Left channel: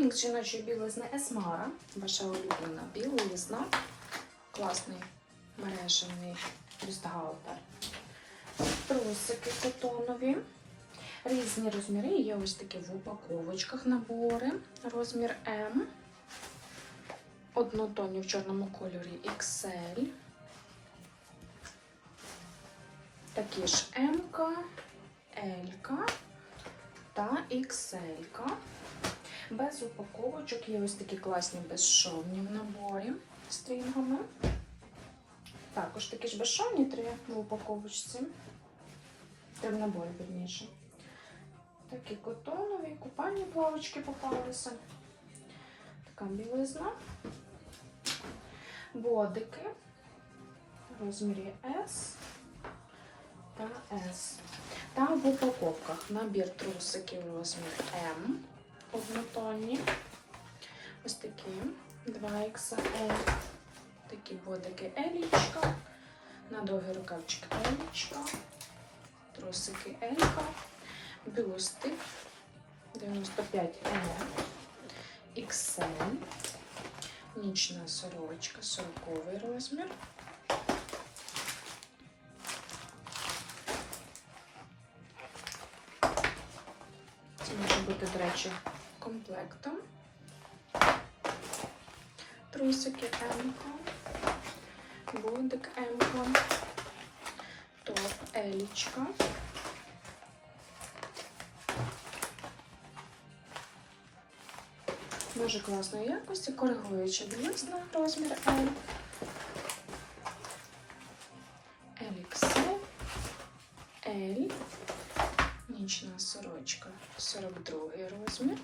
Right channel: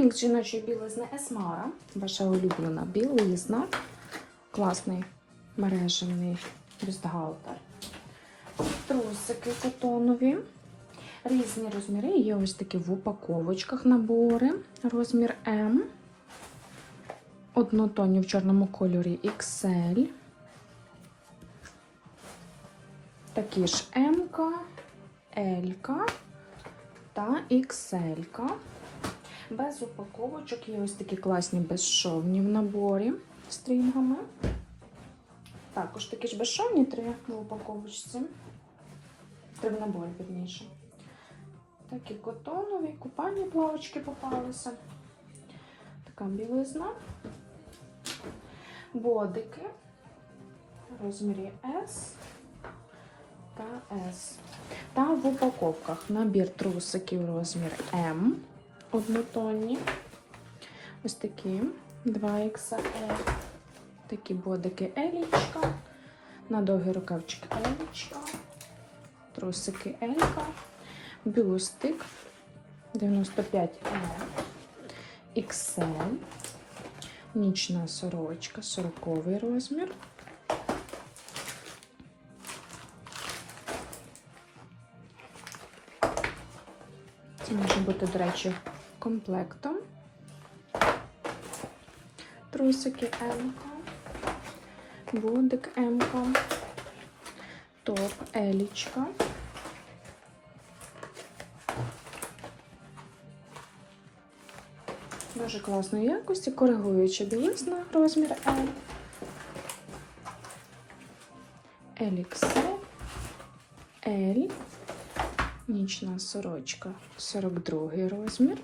Мікс жіночої білизни Есмара. Ваша улюблена білизна. Класний мережений бюстгальтер. Трусики котонові. Різні розміри. Є ось такі в упаковочках набори. Розмір М. Однотонні в чорному кольорі XL. Такі ж М, L та XL. Без упаковочок є ось такі класні безшовні в наборі з стрінгами. Також такі ж безшовні три в упаковочці. Три в наборі, вірніше. Такі котонові, купальні плавочки попалися. Така білизна. Бодики в розмірі S та S. Та в упаковках набір трусиків розмір М. Однотонні. Ось такі 2XL. Такі бодики Елічка. На довгий рукавчик Елічка. Трусики Елька. Бюстик 95 L. XL. Нічна сорочка, 40 розмір. Це може бути, до речі, комплектом. Трусики М-ка, бодик М-ка, топ Елічка. Дуже класної якості, коригуюча білизна розмір L. LXL, L, Нічна сорочка 42 розмір.